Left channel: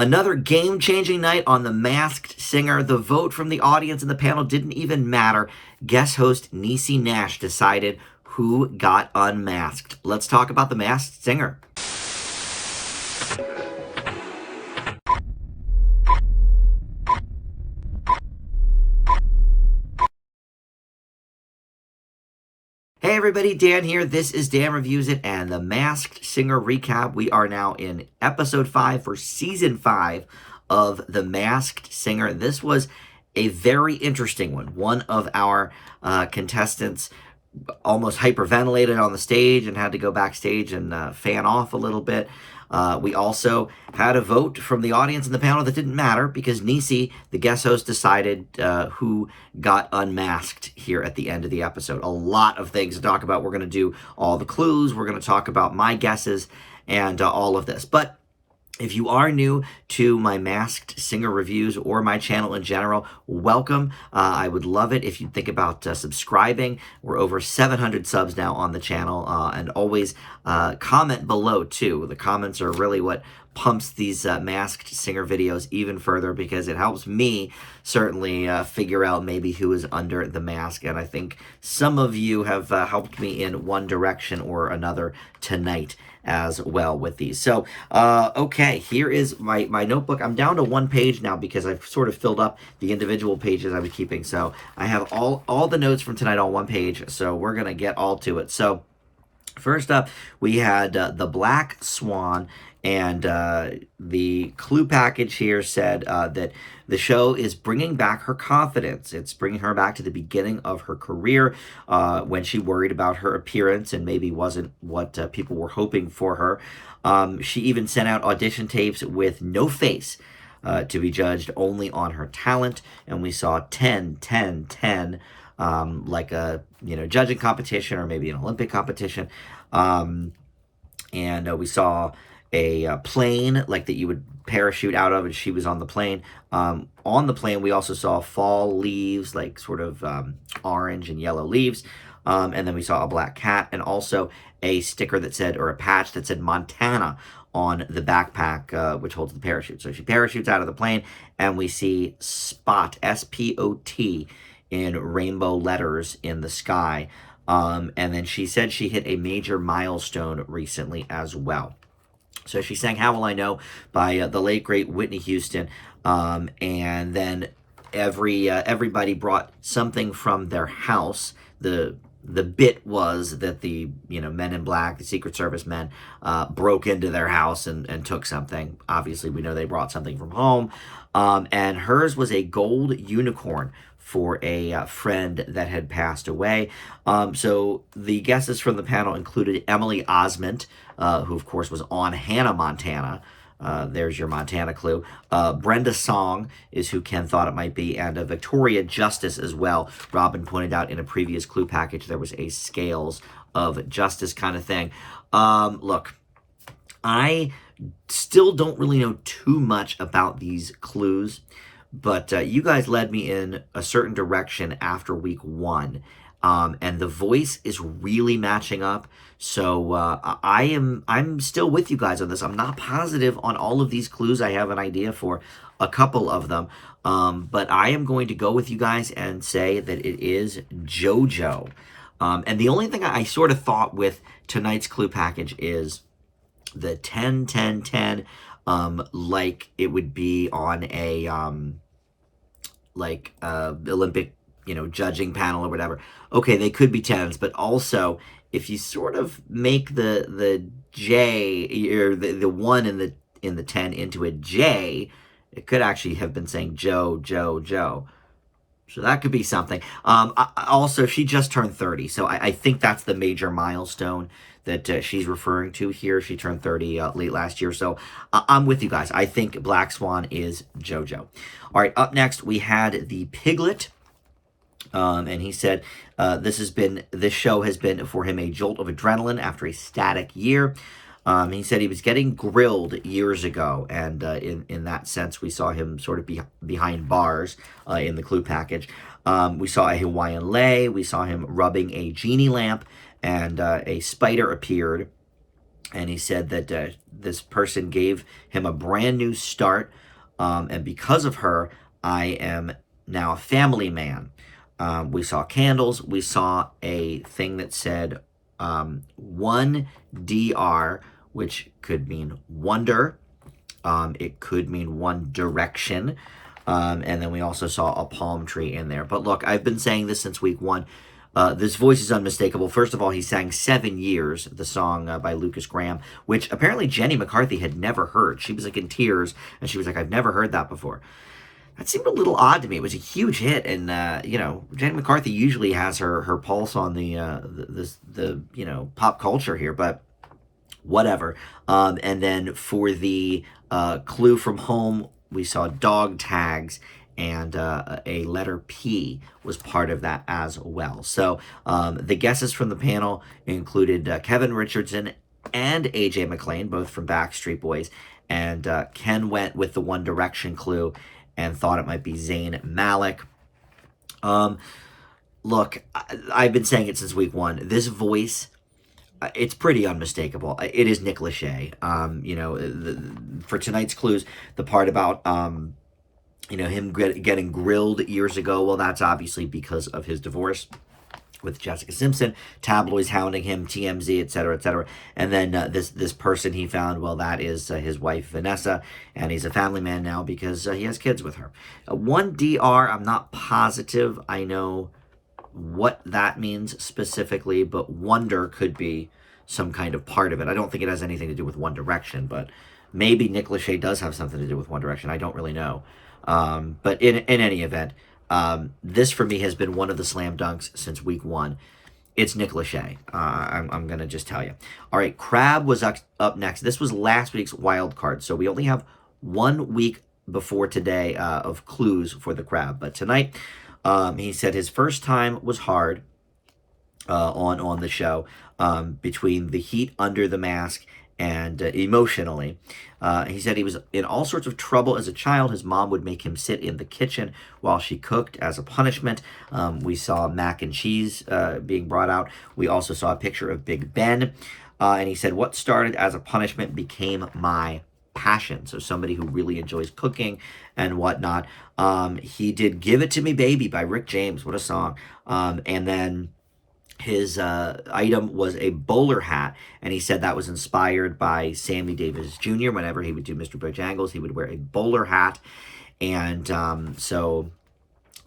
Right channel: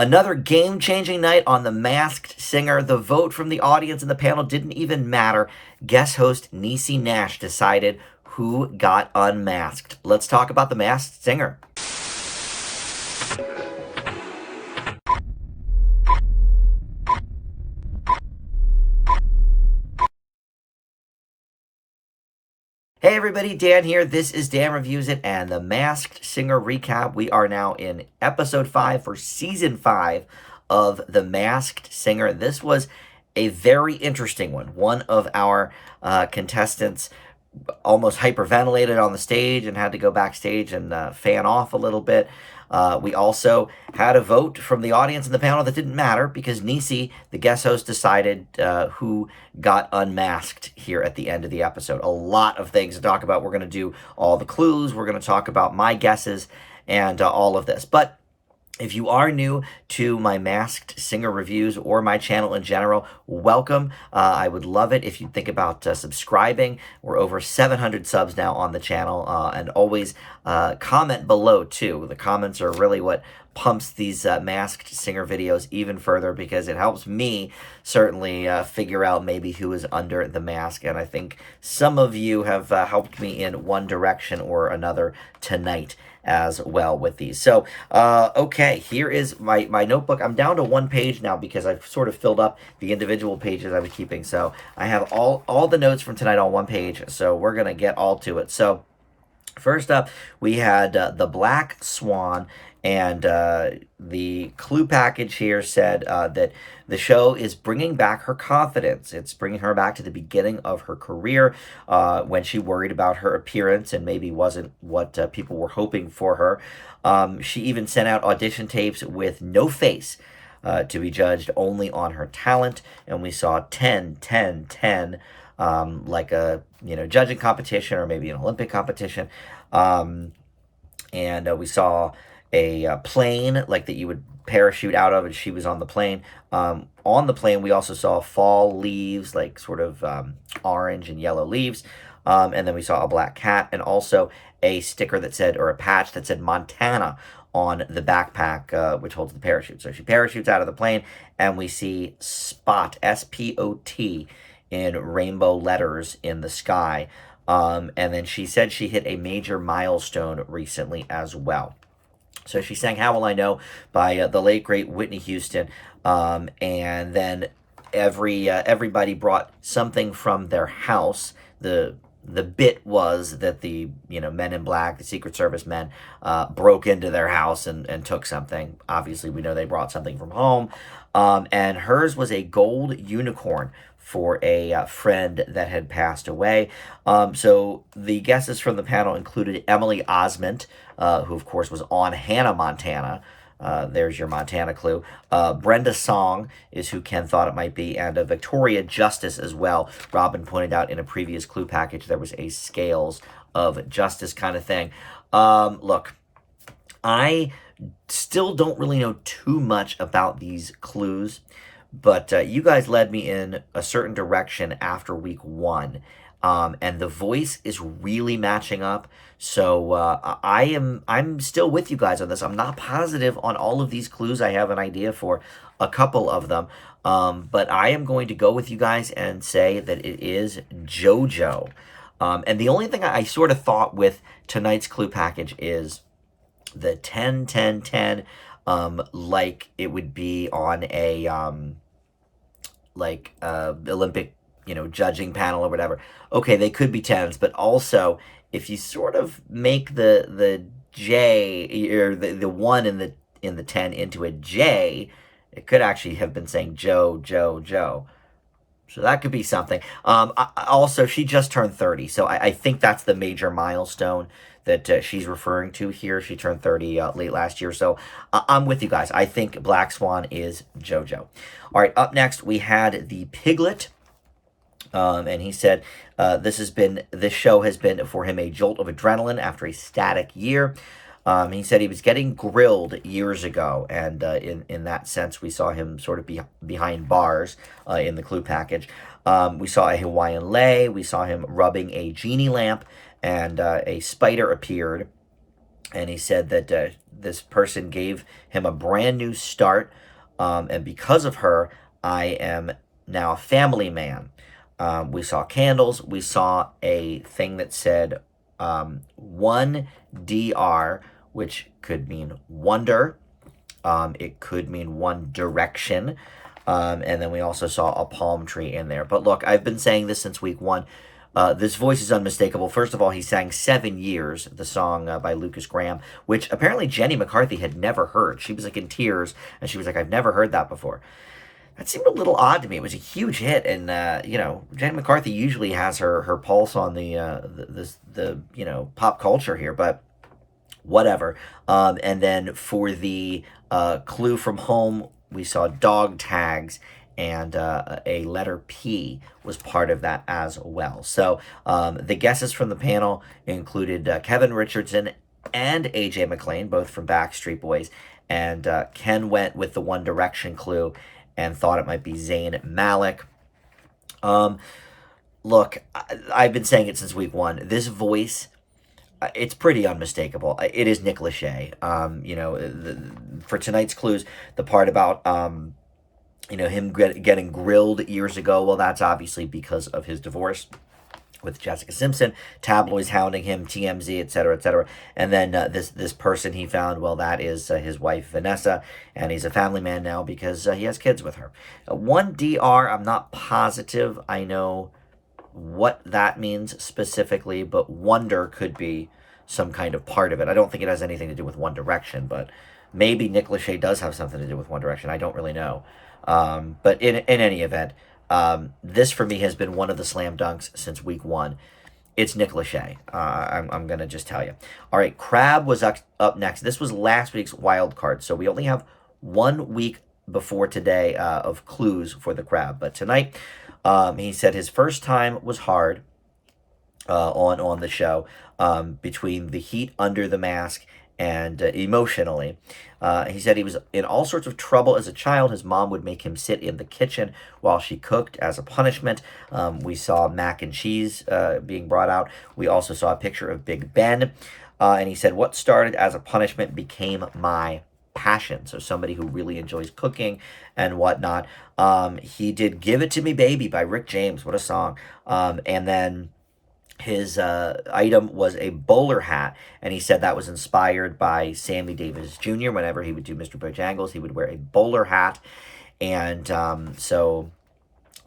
Another game-changing night on The Masked Singer. The vote from the audience and the panel didn't even matter. Guest host Niecy Nash decided who got unmasked. Let's talk about The Masked Singer. Hey everybody, Dan here. This is Dan Reviews It and the Masked Singer Recap. We are now in episode 5 for season 5 of The Masked Singer. This was a very interesting one. One of our contestants almost hyperventilated on the stage and had to go backstage and fan off a little bit. We also had a vote from the audience and the panel that didn't matter because Niecy, the guest host, decided who got unmasked here at the end of the episode. A lot of things to talk about. We're going to do all the clues. We're going to talk about my guesses and all of this. But if you are new to my Masked Singer reviews or my channel in general, welcome. I would love it if you think about subscribing. We're over 700 subs now on the channel, and always comment below too. The comments are really what pumps these Masked Singer videos even further because it helps me certainly figure out maybe who is under the mask. And I think some of you have helped me in one direction or another tonight as well with these. So, okay, here is my notebook. I'm down to one page now because I've sort of filled up the individual pages I was keeping. So I have all the notes from tonight on one page. So we're going to get all to it. So first up, we had the Black Swan. And the clue package here said that the show is bringing back her confidence. It's bringing her back to the beginning of her career when she worried about her appearance and maybe wasn't what people were hoping for her. She even sent out audition tapes with no face to be judged only on her talent. And we saw 10, 10, 10, like a judging competition or maybe an Olympic competition. And we saw a plane like that you would parachute out of, and she was on the plane. On the plane, we also saw fall leaves, like sort of orange and yellow leaves. And then we saw a black cat and also a sticker that said, or a patch that said Montana on the backpack, which holds the parachute. So she parachutes out of the plane and we see Spot, S-P-O-T, in rainbow letters in the sky. And then she said she hit a major milestone recently as well. So she sang How Will I Know by the late, great Whitney Houston. And then everybody brought something from their house. The bit was that the men in black, the Secret Service men, broke into their house and took something. Obviously, we know they brought something from home. And hers was a gold unicorn for a friend that had passed away. So the guesses from the panel included Emily Osment, who of course was on Hannah Montana. There's your Montana clue. Brenda Song is who Ken thought it might be, and Victoria Justice as well. Robin pointed out in a previous clue package there was a scales of justice kind of thing. Look, I still don't really know too much about these clues, but you guys led me in a certain direction after week 1. And the voice is really matching up. So I'm still with you guys on this. I'm not positive on all of these clues. I have an idea for a couple of them. But I am going to go with you guys and say that it is JoJo. And the only thing I sort of thought with tonight's clue package is the 10, 10, 10, like it would be on a Olympic judging panel or whatever. Okay, they could be 10s, but also if you sort of make the J or the 1 in the 10 into a J, it could actually have been saying Joe, Joe, Joe. So that could be something. Also, she just turned 30, so I think that's the major milestone that she's referring to here. She turned 30 late last year, so I'm with you guys. I think Black Swan is JoJo. All right, up next, we had the Piglet. And he said this show has been for him a jolt of adrenaline after a static year. He said he was getting grilled years ago, and in that sense, we saw him sort of behind bars in the clue package. We saw a Hawaiian lei. We saw him rubbing a genie lamp, and a spider appeared And he said that this person gave him a brand new start, and because of her, I am now a family man. We saw candles. We saw a thing that said 1DR, which could mean wonder. It could mean one direction. And then we also saw a palm tree in there. But look, I've been saying this since week one. This voice is unmistakable. First of all, he sang 7 Years, the song by Lucas Graham, which apparently Jenny McCarthy had never heard. She was like in tears, and she was like, I've never heard that before. That seemed a little odd to me. It was a huge hit, and Jenny McCarthy usually has her pulse on the pop culture here, but whatever. And then for the clue from home, we saw dog tags, and a letter P was part of that as well. So the guesses from the panel included Kevin Richardson and AJ McLean, both from Backstreet Boys. And Ken went with the One Direction clue and thought it might be Zayn Malik. Look, I've been saying it since week one. This voice, it's pretty unmistakable. It is Nick Lachey. For tonight's clues, the part about him getting grilled years ago, well, that's obviously because of his divorce with Jessica Simpson, tabloids hounding him, TMZ, etc., etc. And then this person he found, well, that is his wife, Vanessa, and he's a family man now because he has kids with her. 1DR, I'm not positive I know what that means specifically, but wonder could be some kind of part of it. I don't think it has anything to do with One Direction, but maybe Nick Lachey does have something to do with One Direction. I don't really know. But in any event, this for me has been one of the slam dunks since week one. It's Nick Lachey. I'm going to just tell you. All right, Crab was up next. This was last week's wild card, so we only have 1 week before today of clues for the Crab. But tonight, he said his first time was hard on the show, between the heat under the mask and emotionally. He said he was in all sorts of trouble as a child. His mom would make him sit in the kitchen while she cooked as a punishment. We saw mac and cheese being brought out. We also saw a picture of Big Ben. And he said, what started as a punishment became my passion. So somebody who really enjoys cooking and whatnot. He did Give It To Me Baby by Rick James. What a song. And then his item was a bowler hat, and he said that was inspired by Sammy Davis Jr. Whenever he would do Mr. Bojangles, he would wear a bowler hat, and so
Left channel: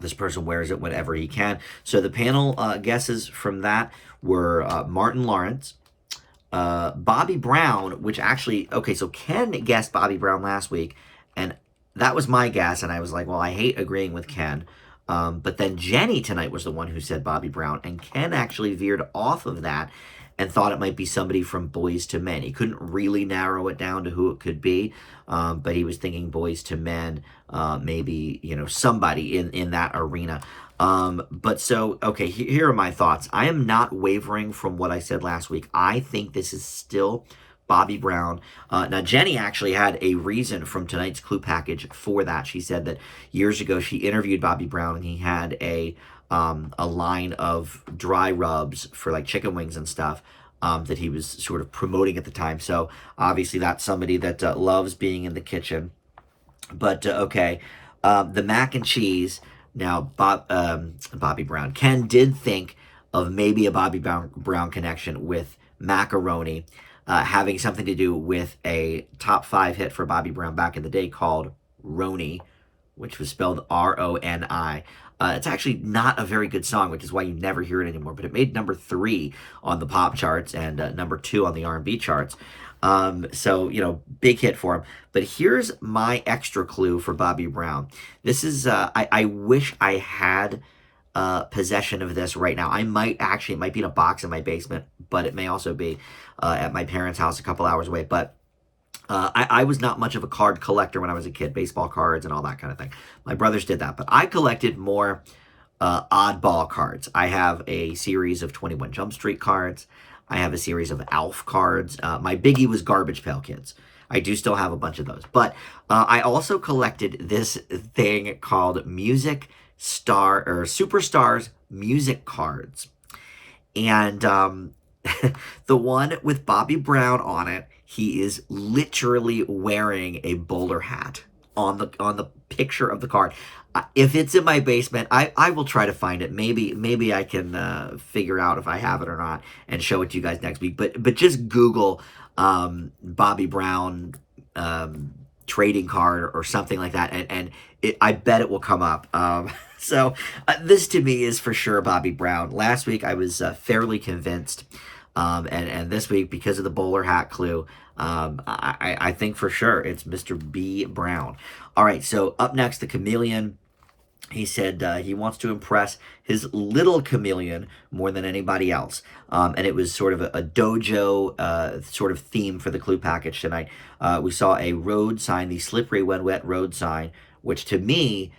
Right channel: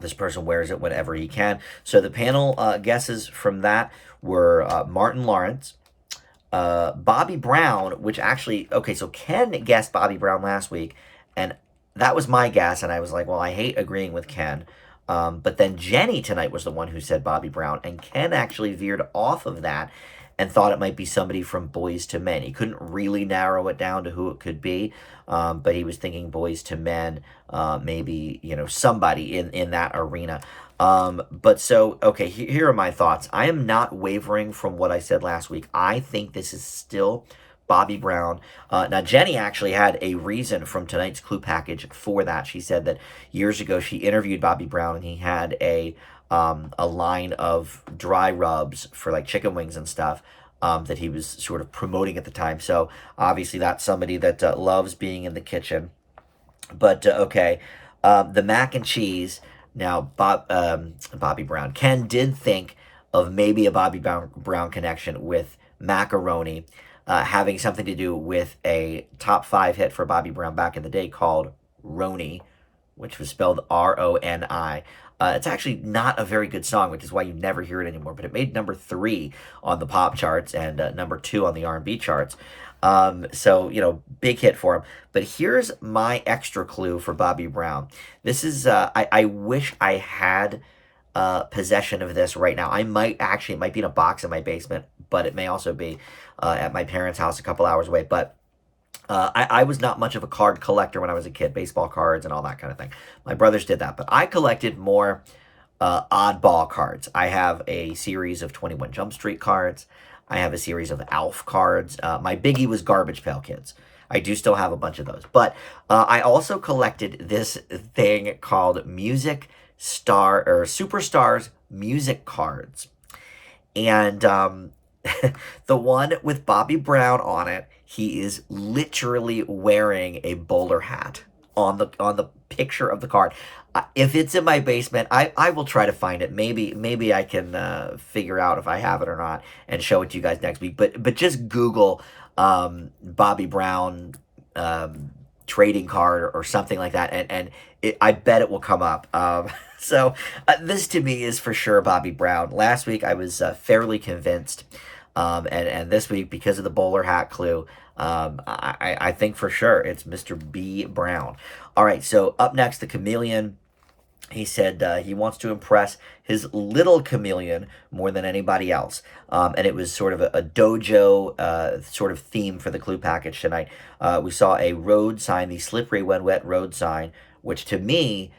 this person wears it whenever he can. So the panel guesses from that were Martin Lawrence, Bobby Brown, which actually, okay, so Ken guessed Bobby Brown last week, and that was my guess, and I was like, well, I hate agreeing with Ken. But then Jenny tonight was the one who said Bobby Brown, and Ken actually veered off of that and thought it might be somebody from Boys to Men. He couldn't really narrow it down to who it could be, but he was thinking Boys to Men, maybe, somebody in that arena. But so, okay, here are my thoughts. I am not wavering from what I said last week. I think this is still Bobby Brown. Now, Jenny actually had a reason from tonight's clue package for that. She said that years ago she interviewed Bobby Brown, and he had a line of dry rubs for like chicken wings and stuff that he was sort of promoting at the time. So obviously that's somebody that loves being in the kitchen. But okay, the mac and cheese. Now, Bobby Brown. Ken did think of maybe a Bobby Brown connection with macaroni. Having something to do with a top 5 hit for Bobby Brown back in the day called Roni, which was spelled R-O-N-I. It's actually not a very good song, which is why you never hear it anymore, but it made number 3 on the pop charts and number 2 on the R&B charts. So, big hit for him. But here's my extra clue for Bobby Brown. This is, I wish I had possession of this right now. It might be in a box in my basement, but it may also be at my parents' house a couple hours away. But I was not much of a card collector when I was a kid, baseball cards and all that kind of thing. My brothers did that, but I collected more oddball cards. I have a series of 21 Jump Street cards. I have a series of Alf cards. My biggie was Garbage Pail Kids. I do still have a bunch of those. But I also collected this thing called Superstars music cards. And The one with Bobby Brown on it, he is literally wearing a bowler hat on the picture of the card. If it's in my basement, I will try to find it. Maybe I can figure out if I have it or not and show it to you guys next week. But just Google Bobby Brown trading card or something like that, and I bet it will come up. So this to me is for sure Bobby Brown. Last week I was fairly convinced, and this week because of the bowler hat clue, I think for sure it's Mr. B. Brown. All right, so up next, the Chameleon. He said he wants to impress his little chameleon more than anybody else. And it was sort of a dojo sort of theme for the clue package tonight. We saw a road sign, the Slippery When Wet road sign, which to me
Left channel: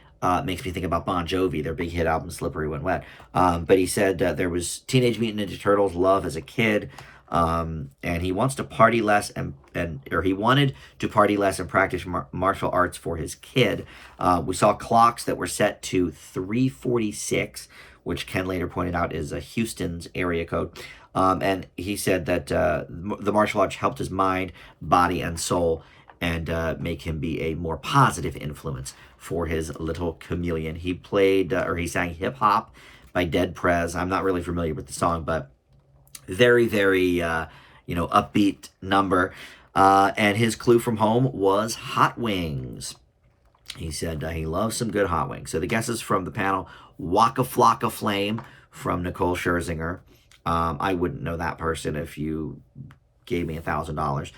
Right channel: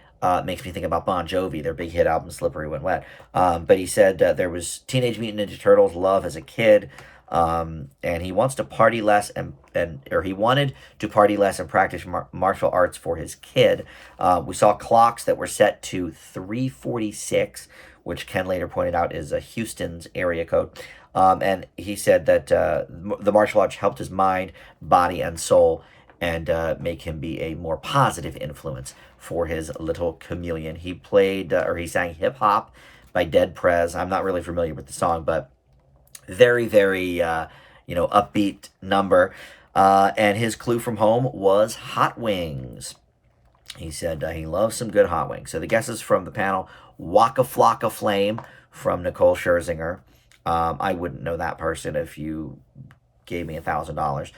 makes me think about Bon Jovi, their big hit album, Slippery When Wet. But he said there was Teenage Mutant Ninja Turtles, Love as a Kid. And he wants to party less or he wanted to party less and practice martial arts for his kid. We saw clocks that were set to 3:46, which Ken later pointed out is a Houston's area code. And he said that the martial arts helped his mind, body, and soul, and make him be a more positive influence for his little chameleon. He played or he sang Hip Hop by Dead Prez. I'm not really familiar with the song, but very, very, upbeat number. And his clue from home was hot wings. He said he loves some good hot wings. So the guesses from the panel: Waka Flocka Flame from Nicole Scherzinger. I wouldn't know that person if you gave me $1,000.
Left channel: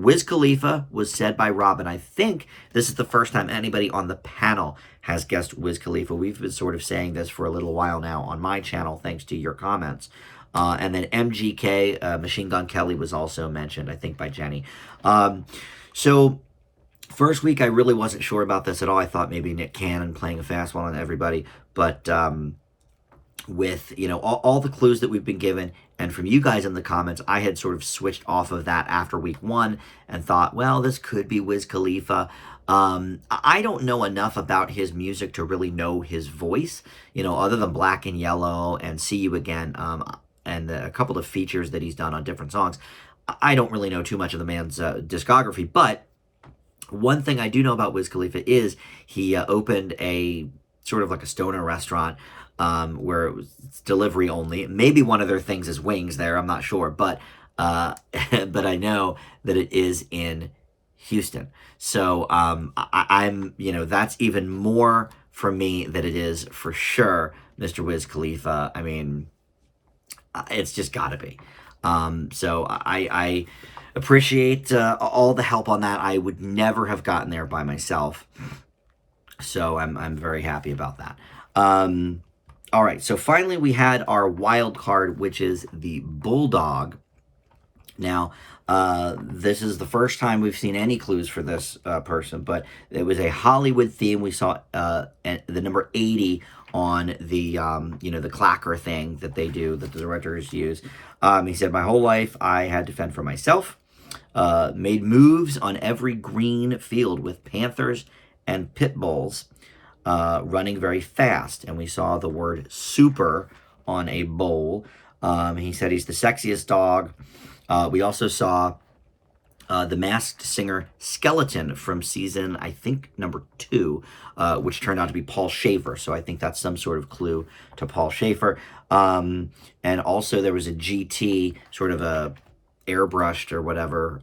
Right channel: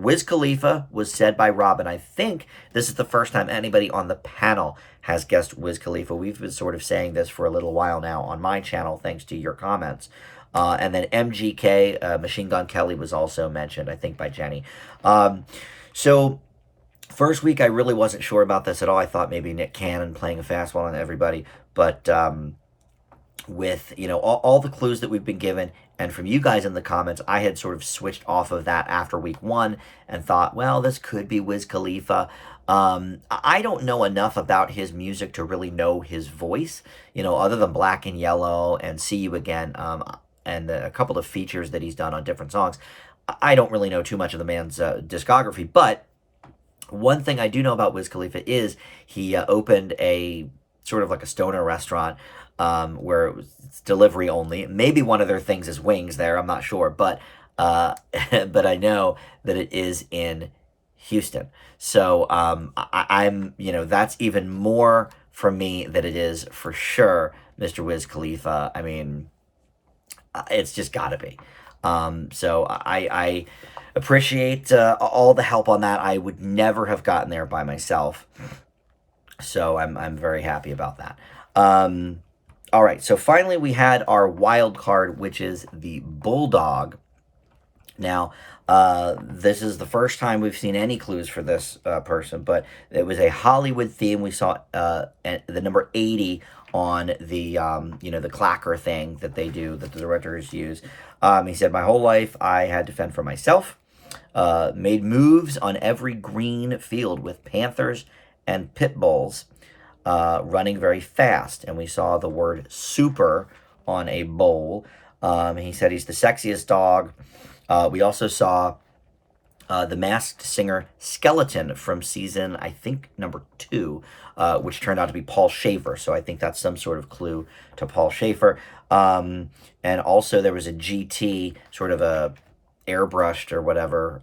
Wiz Khalifa was said by Robin. I think this is the first time anybody on the panel has guessed Wiz Khalifa. We've been sort of saying this for a little while now on my channel, thanks to your comments. And then MGK, Machine Gun Kelly, was also mentioned, I think, by Jenny. So first week, I really wasn't sure about this at all. I thought maybe Nick Cannon playing a fastball on everybody. But with, all the clues that we've been given and from you guys in the comments, I had sort of switched off of that after week one and thought, well, this could be Wiz Khalifa. I don't know enough about his music to really know his voice, other than Black and Yellow and See You Again, and a couple of features that he's done on different songs. I don't really know too much of the man's discography, but one thing I do know about Wiz Khalifa is he opened a sort of like a stoner restaurant where it was delivery only. Maybe one of their things is wings there, I'm not sure, but but I know that it is in Houston. So I'm, that's even more for me that it is for sure Mr. Wiz Khalifa. I mean, it's just got to be. So I appreciate all the help on that. I would never have gotten there by myself. So I'm very happy about that. All right, so finally we had our wild card, which is the Bulldog. Now, this is the first time we've seen any clues for this person, but it was a Hollywood theme. We saw the number 80 on the, the clacker thing that they do, that the directors use. He said, my whole life I had to fend for myself, made moves on every green field with Panthers and Pit Bulls, running very fast. And we saw the word super on a bowl. He said he's the sexiest dog. We also saw the Masked Singer Skeleton from season, I think, number 2, which turned out to be Paul Schaefer. So I think that's some sort of clue to Paul Schaefer. And also there was a GT, sort of a airbrushed or whatever,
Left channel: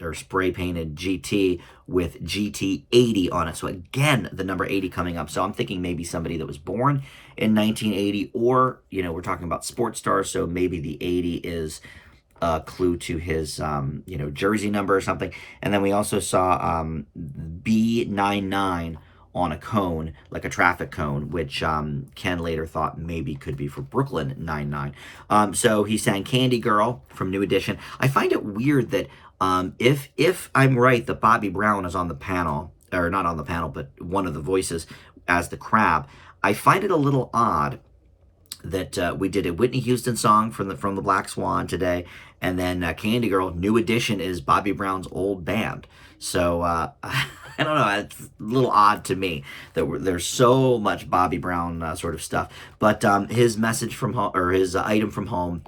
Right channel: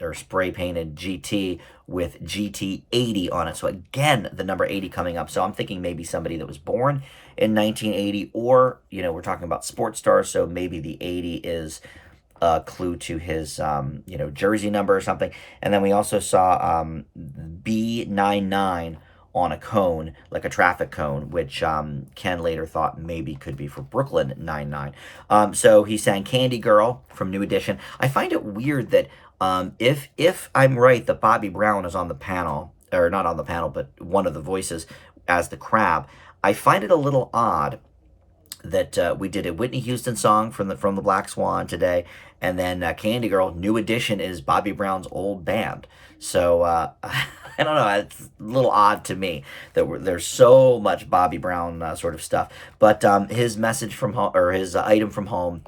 or spray painted GT with GT 80 on it. So again, the number 80 coming up. So I'm thinking maybe somebody that was born in 1980, or, we're talking about sports stars. So maybe the 80 is a clue to his, jersey number or something. And then we also saw B99 on a cone, like a traffic cone, which Ken later thought maybe could be for Brooklyn 99. So he sang Candy Girl from New Edition. I find it weird that if I'm right that Bobby Brown is on the panel, or not on the panel, but one of the voices as the crab, I find it a little odd that we did a Whitney Houston song from the Black Swan today, and then Candy Girl, New Edition, is Bobby Brown's old band. So I don't know, it's a little odd to me that there's so much Bobby Brown sort of stuff. But his message from home, or his item from home,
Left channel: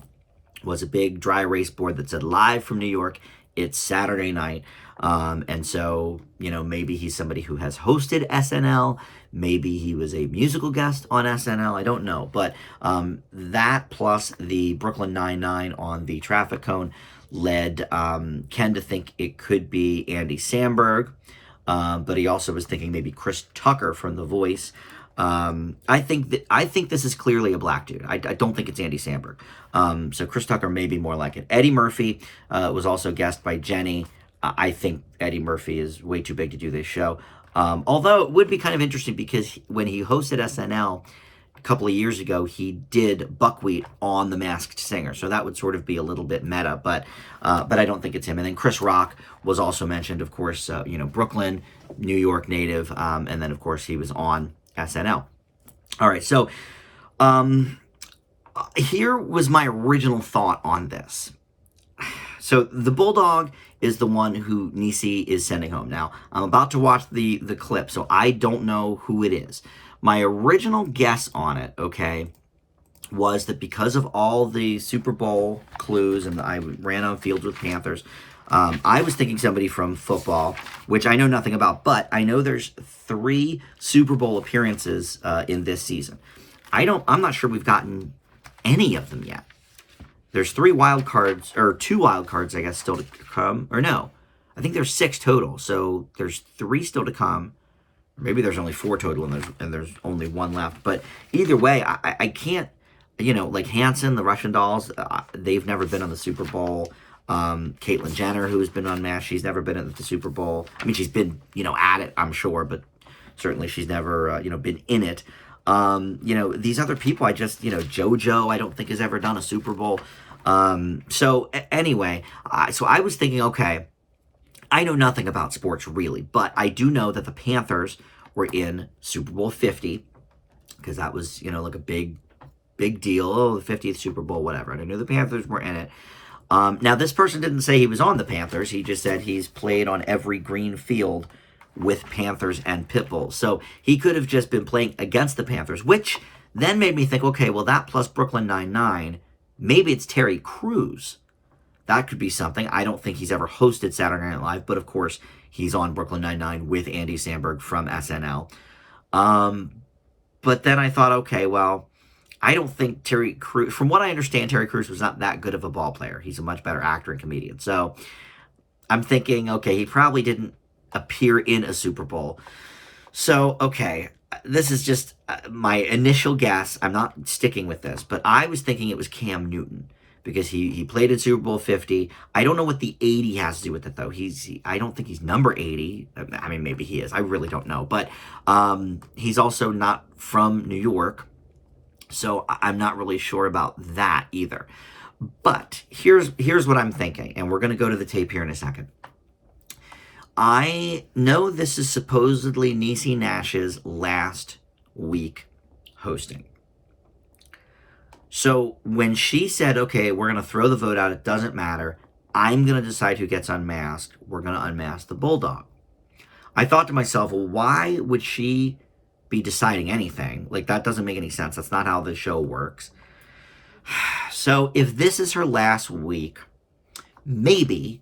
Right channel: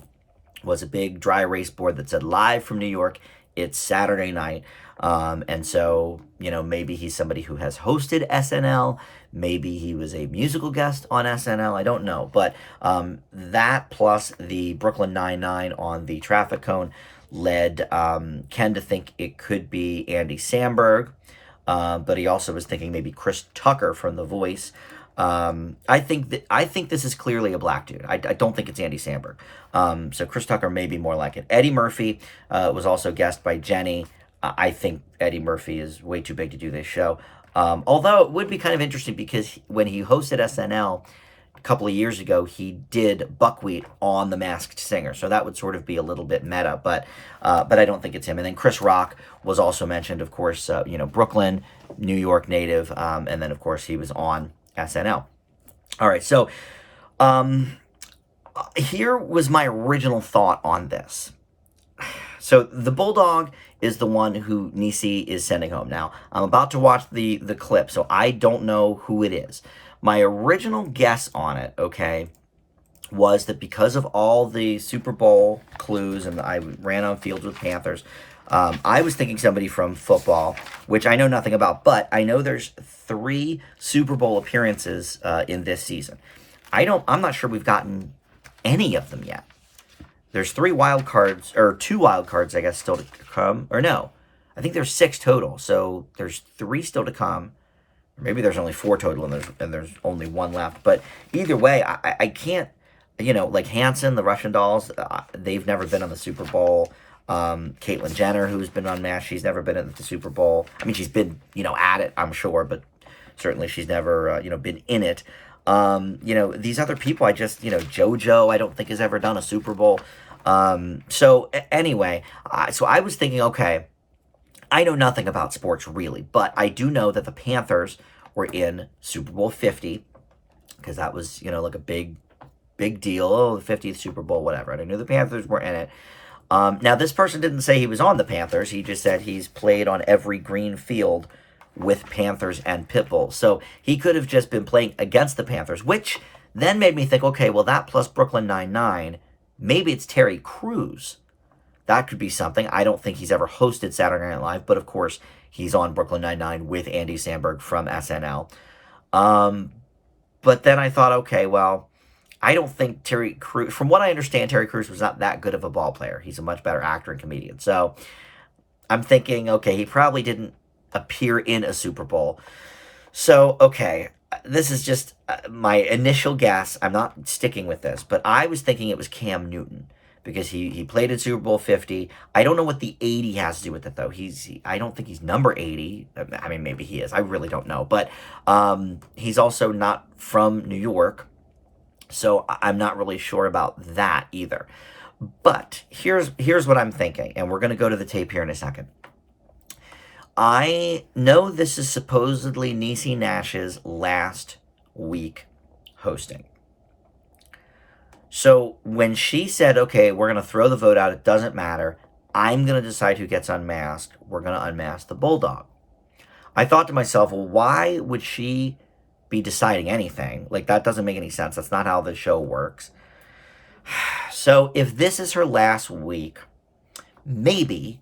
was a big dry erase board that said live from New York. It's Saturday night. And so, maybe he's somebody who has hosted SNL. Maybe he was a musical guest on SNL. I don't know. But that plus the Brooklyn Nine-Nine on the traffic cone led Ken to think it could be Andy Samberg. But he also was thinking maybe Chris Tucker from The Voice. I think this is clearly a black dude. I don't think it's Andy Samberg. So Chris Tucker may be more like it. Eddie Murphy was also guest by Jenny. I think Eddie Murphy is way too big to do this show. Although it would be kind of interesting because when he hosted SNL a couple of years ago, he did Buckwheat on The Masked Singer. So that would sort of be a little bit meta, but I don't think it's him. And then Chris Rock was also mentioned, of course, Brooklyn, New York native. And then, of course, he was on SNL. All right, so here was my original thought on this. So the Bulldog is the one who Niecy is sending home. Now, I'm about to watch the clip, so I don't know who it is. My original guess on it, okay, was that because of all the Super Bowl clues, and I ran on fields with Panthers, I was thinking somebody from football, which I know nothing about, but I know there's 3 Super Bowl appearances in this season. I'm not sure we've gotten any of them yet. There's 2 wild cards, I guess, still to come. Or no, I think there's 6 total. So there's 3 still to come. Or maybe there's only 4 total and there's only 1 left. But either way, I can't, like Hanson, the Russian dolls, they've never been on the Super Bowl. Caitlyn Jenner, who's been unmasked, she's never been at the Super Bowl. I mean, she's been, at it, I'm sure, but certainly she's never, been in it. These other people, JoJo, I don't think has ever done a Super Bowl. So anyway, so I was thinking, okay, I know nothing about sports really, but I do know that the Panthers were in Super Bowl 50 because that was, like a big deal. Oh, the 50th Super Bowl, whatever. And I knew the Panthers were in it. Now, this person didn't say he was on the Panthers. He just said he's played on every green field with Panthers and Pitbull. So he could have just been playing against the Panthers, which then made me think, okay, well, that plus Brooklyn Nine-Nine, maybe it's Terry Crews. That could be something. I don't think he's ever hosted Saturday Night Live, but of course, he's on Brooklyn Nine-Nine with Andy Samberg from SNL. But then I thought, okay, well, I don't think Terry Crews, from what I understand, Terry Crews was not that good of a ball player. He's a much better actor and comedian. So I'm thinking, okay, he probably didn't appear in a Super Bowl. So, okay, this is just my initial guess. I'm not sticking with this, but I was thinking it was Cam Newton because he played in Super Bowl 50. I don't know what the 80 has to do with it, though. I don't think he's number 80. I mean, maybe he is. I really don't know. But he's also not from New York, so I'm not really sure about that either. But here's what I'm thinking, and we're going to go to the tape here in a second. I know this is supposedly Niecy Nash's last week hosting. So when she said, okay, we're going to throw the vote out, it doesn't matter, I'm going to decide who gets unmasked, we're going to unmask the Bulldog. I thought to myself, well, why would she be deciding anything? Like, that doesn't make any sense. That's not how the show works. So if this is her last week, maybe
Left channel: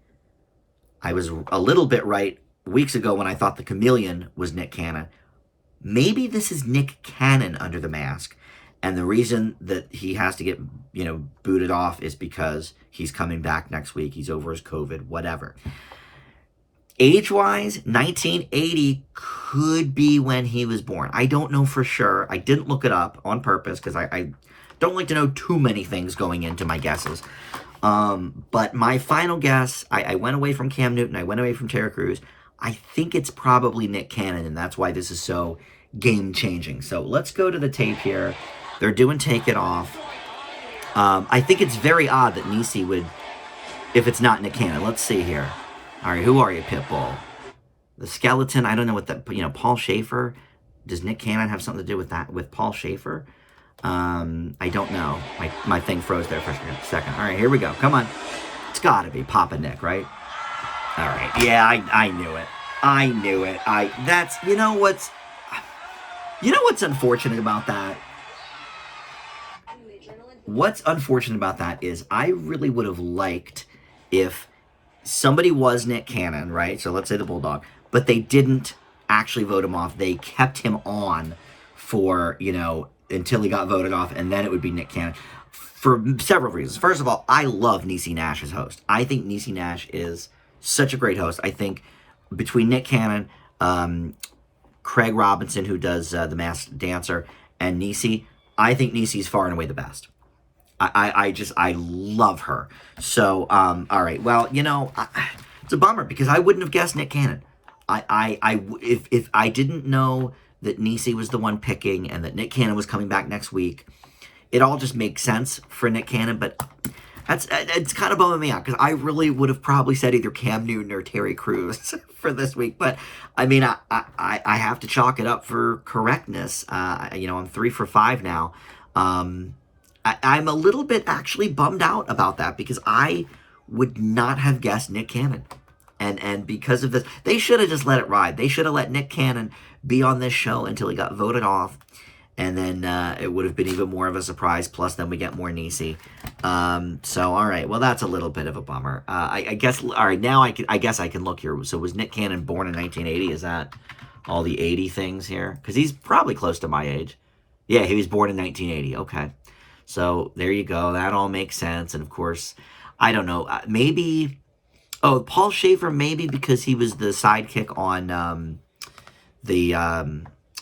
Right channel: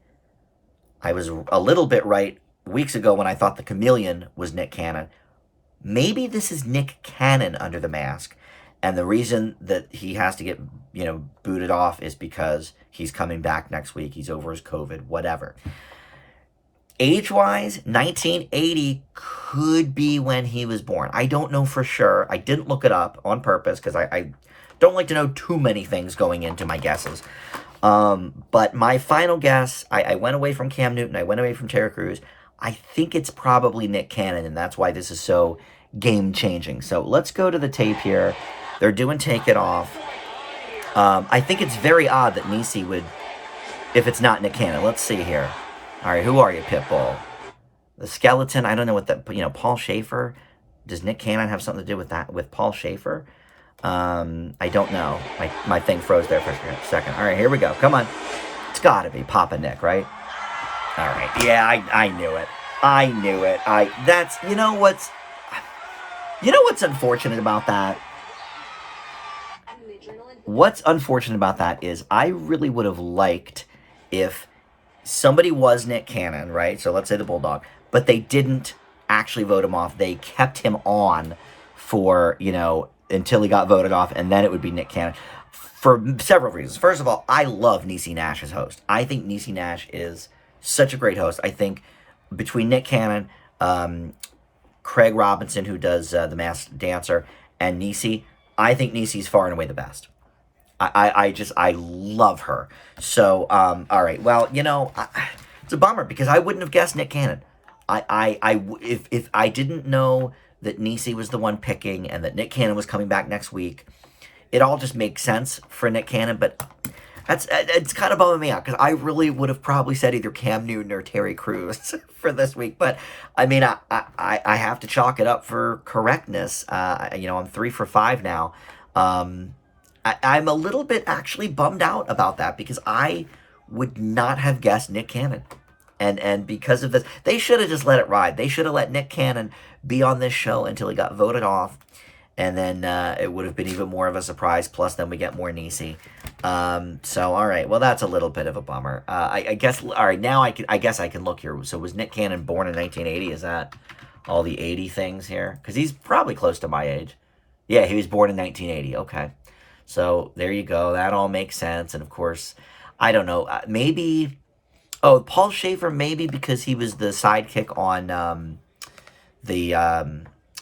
I was a little bit right weeks ago when I thought the Chameleon was Nick Cannon. Maybe this is Nick Cannon under the mask. And the reason that he has to get, booted off is because he's coming back next week. He's over his COVID, whatever. Age-wise, 1980 could be when he was born. I don't know for sure. I didn't look it up on purpose because I don't like to know too many things going into my guesses. But my final guess, I went away from Cam Newton. I went away from Terry Crews. I think it's probably Nick Cannon, and that's why this is so game-changing. So let's go to the tape here. They're doing Take It Off. I think it's very odd that Niecy would, if it's not Nick Cannon. Let's see here. All right, who are you, Pitbull? The skeleton, I don't know what that, Paul Schaefer. Does Nick Cannon have something to do with that, with Paul Schaefer? I don't know. My thing froze there for a second. All right, here we go. Come on. It's got to be Papa Nick, right? All right. Yeah, I knew it. I knew it. You know what's unfortunate about that? what's unfortunate about that is I really would have liked if somebody was Nick Cannon, right? So let's say the Bulldog, but they didn't actually vote him off. They kept him on for, until he got voted off, and then it would be Nick Cannon for several reasons. First of all, I love Niecy Nash as host. I think Niecy Nash is such a great host. I think between Nick Cannon, Craig Robinson, who does The Masked Dancer, and Niecy, I think Niecy's far and away the best. I love her. So, all right. Well, it's a bummer because I wouldn't have guessed Nick Cannon. If I didn't know that Niecy was the one picking and that Nick Cannon was coming back next week, it all just makes sense for Nick Cannon. But it's kind of bumming me out because I really would have probably said either Cam Newton or Terry Crews for this week. But I mean, I have to chalk it up for correctness. I'm 3 for 5 now. I'm a little bit actually bummed out about that because I would not have guessed Nick Cannon. And because of this, they should have just let it ride. They should have let Nick Cannon be on this show until he got voted off. And then it would have been even more of a surprise. Plus, then we get more Niecy. So, all right. Well, that's a little bit of a bummer. I guess, all right, now I guess I can look here. So was Nick Cannon born in 1980? Is that all the 80 things here? Because he's probably close to my age. Yeah, he was born in 1980. Okay. So there you go. That all makes sense. And of course, I don't know. Maybe, Paul Schaefer, maybe because he was the sidekick on the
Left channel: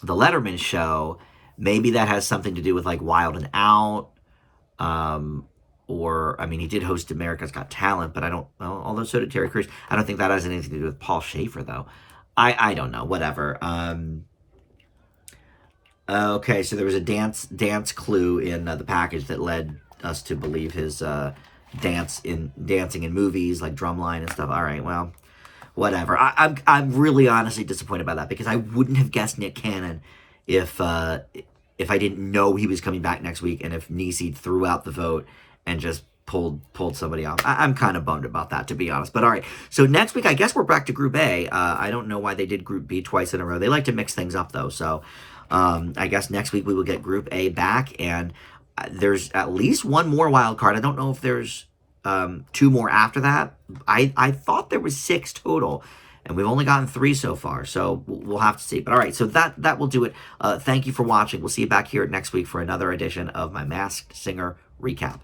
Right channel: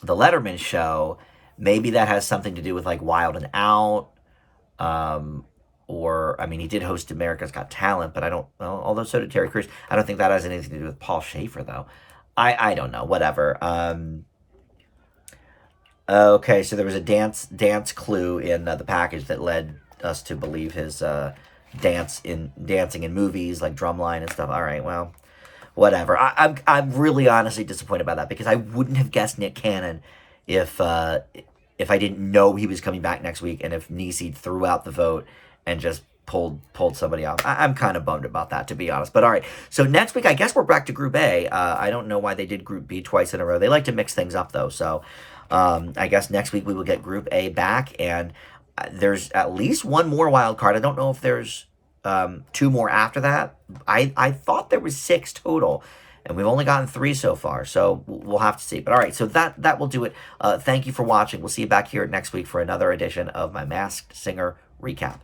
Letterman show. Maybe that has something to do with like Wild and Out. Or, I mean, he did host America's Got Talent, but I don't know. Although so did Terry Crews. I don't think that has anything to do with Paul Schaefer, though. I don't know. Whatever. Okay, so there was a dance clue in the package that led us to believe his dancing in movies like Drumline and stuff. All right, well, whatever. I'm really honestly disappointed by that because I wouldn't have guessed Nick Cannon if I didn't know he was coming back next week and if Niecy threw out the vote and just pulled somebody off. I'm kind of bummed about that, to be honest. But all right, so next week I guess we're back to Group A. I don't know why they did Group B twice in a row. They like to mix things up though, so. I guess next week we will get Group A back, and there's at least one more wild card. I don't know if there's 2 more after that. I thought there was 6 total, and we've only gotten 3 so far, so we'll have to see. But all right, so that will do it. Thank you for watching. We'll see you back here next week for another edition of my Masked Singer Recap.